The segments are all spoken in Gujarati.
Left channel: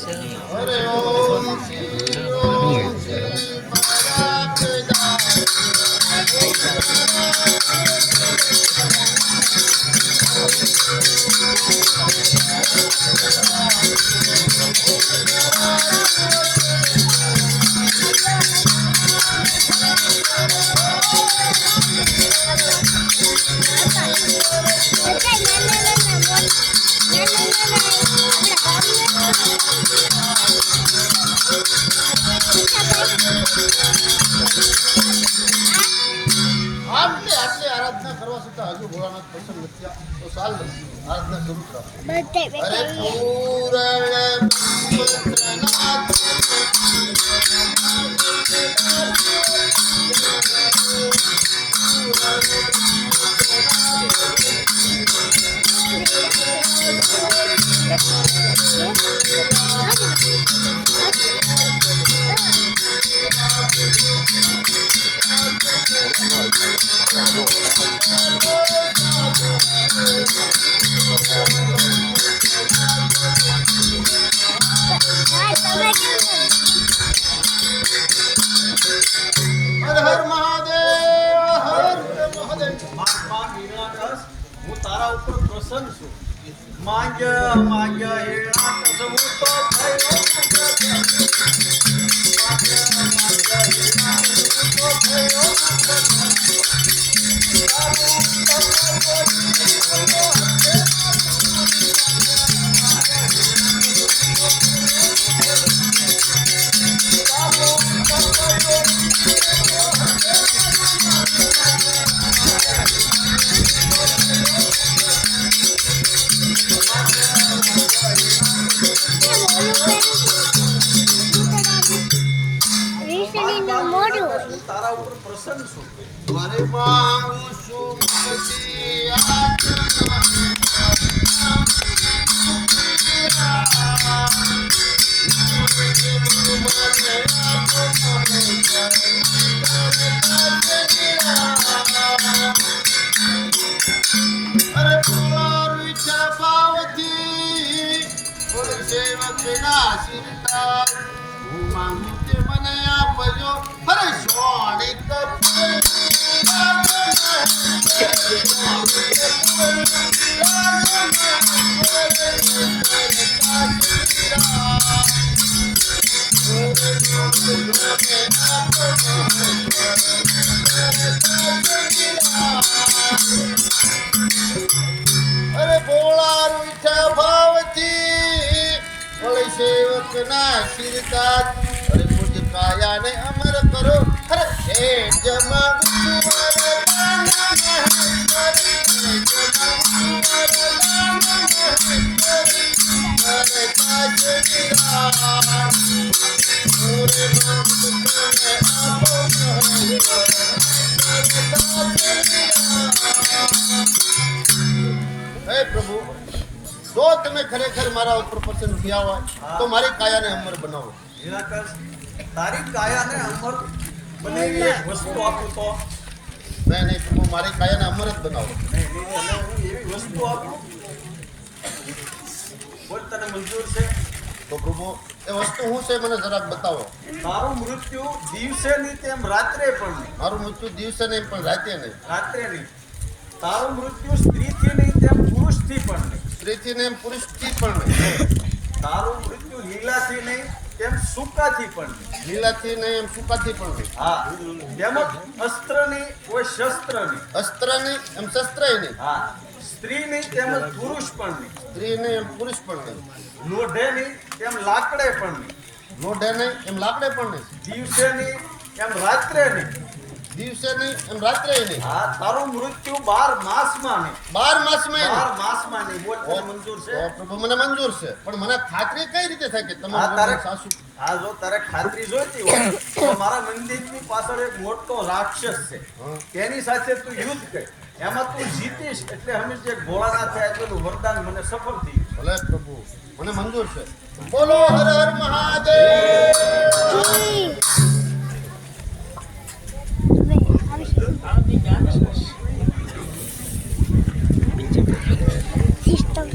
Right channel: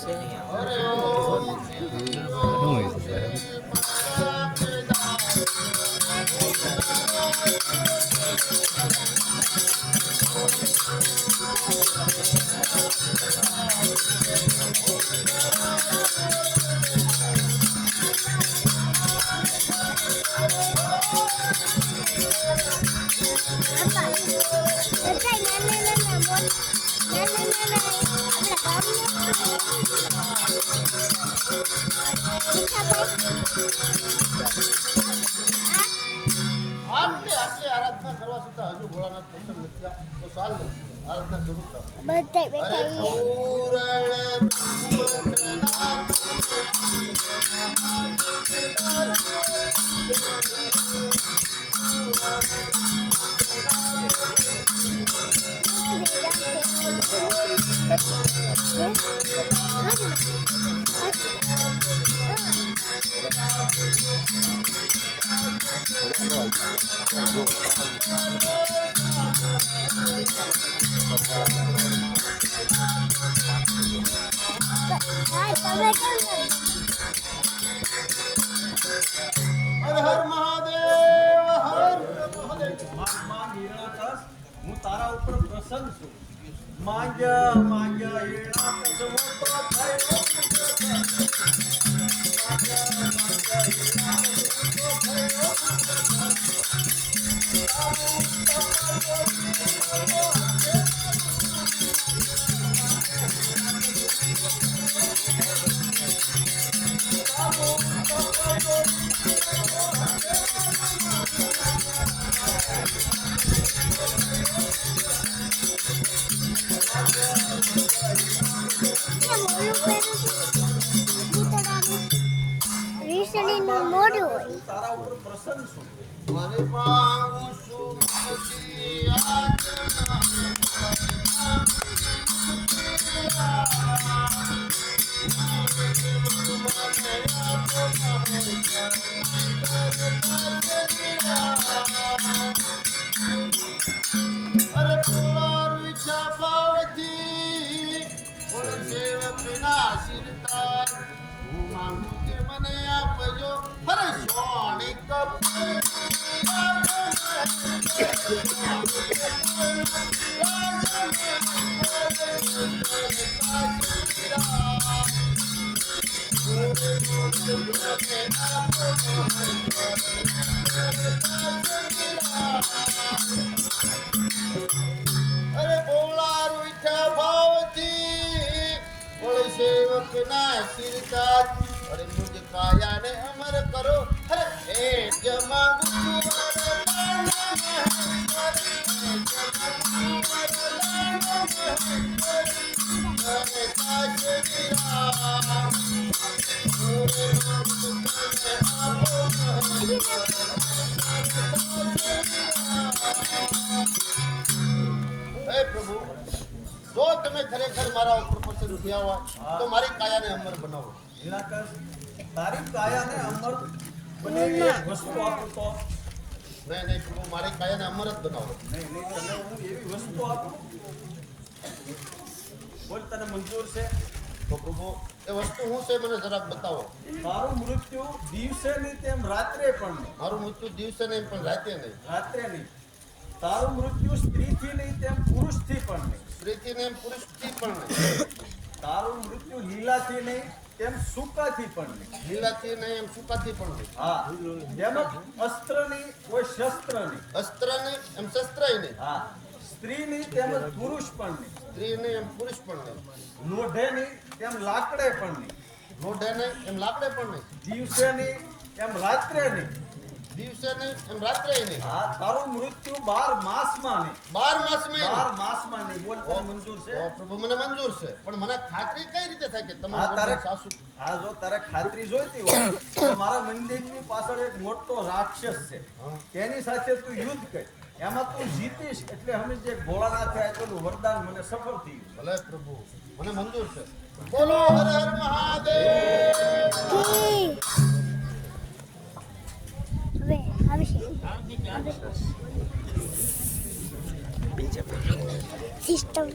હરે ઓમ શ્રી ઓમ શ્રી આટલી આટલી આરાધના કરવા છતાં હજુ ભોળાનાથ પસંદ નથી તો સાલ આરાધના શરૂ કરો. અરે હર મહાદેવ હર મહાદેવ. મહાત્મા નિરાકસ હું તારા ઉપર પ્રસન્ન છું. માગ્ય માગ્ય હિરણાકસ હું તો થયો તારા ઉપર પ્રસન્ન છું. મારે માંગુ છું પછી અરે પોવારું છે ભાવથી થોડી સેવક ના આશીર્વાદ હું માંગુ કે મને આપજો અરે સોડી અરે ભોળા રૂઠા ભાવથી વળી સેવક ના આશીર્વાદ અરે પૂજ્ય કાયાને અમર કરો અરે હે જમા હે પ્રભુ જો તમે ખરેખર મારા ઉપર પસંદ થયા હોય તો મારી કાયાને અમર બનાવો. નિરાકસ તારી કાયાને અમર બનાવી એક વસ્તુ આપું તો નહીં પ્રભુ મારી કાયાને અમર જ બનાવો. હું એવી વસ્તુ આપું બોલ તને મંજૂર છે? તો પ્રભુ એ વસ્તુ શું છે મને જરાક બતાવો. તારું મૃત્યુ દિવસે નહીં તેમ રાત્રે પણ નહીં. મારું મૃત્યુ દિવસે નહીં પણ રાતે નહીં. રાત્રે નહીં. તારું મૃત્યુ સ્ત્રીથી નહીં તેમ પુરુષથી પણ નહીં. સ્ત્રીથી નહીં પુરુષથી પણ નહીં. તારું મૃત્યુ લીલાથી નહીં તેમ સૂકાથી પણ નહીં. લીલાથી નહીં એમ સૂકાથી પણ નહીં. હા તેમજ અસ્ત્ર નહીં કોઈ શસ્ત્ર નહીં. અસ્ત્ર નહીં એમ શસ્ત્રય નહીં. હા સ્ત્રી નહીં તેમજ પુરુષ પણ નહીં. સ્ત્રી નહીં એમ પુરુષ પણ નહીં. લોઢે નહીં તેમ લાકડે પણ નહીં. લોઢે નહીં એમ લાકડે પણ નહીં. દિવસે નહીં એમ રાત્રે નહીં. દિવસે નહીં એમ રાત્રે નહીં. હા તારું મૃત્યુ 12 માસમાં નહીં. 12 માસમાં નહીં. 12 માસમાં નહીં. બોલ તને મંજૂર છે? ઓ પ્રભુ મને મંજૂર છે પણ મને ખાતરી કઈ રીતે થાય કે હા તમારું તારે સાસુ હા જો તારે ખાતરી જોઈતી હોય તો મારા મંદિરની પાછળ એક મોટો રાક્ષસ છે. તેની સાથે તું યુદ્ધ કર. એમાં તું જીતીશ એટલે હંમેશ જે ભોળાનાથ થાય એટલું વરદાન મને સફળ થઈ ગયું. ભલે પ્રભુ મને મંજૂર છે. બોલો હર હર મહાદેવ. Sistem.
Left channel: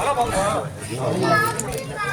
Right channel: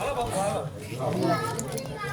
હાલો બાપુ હાલો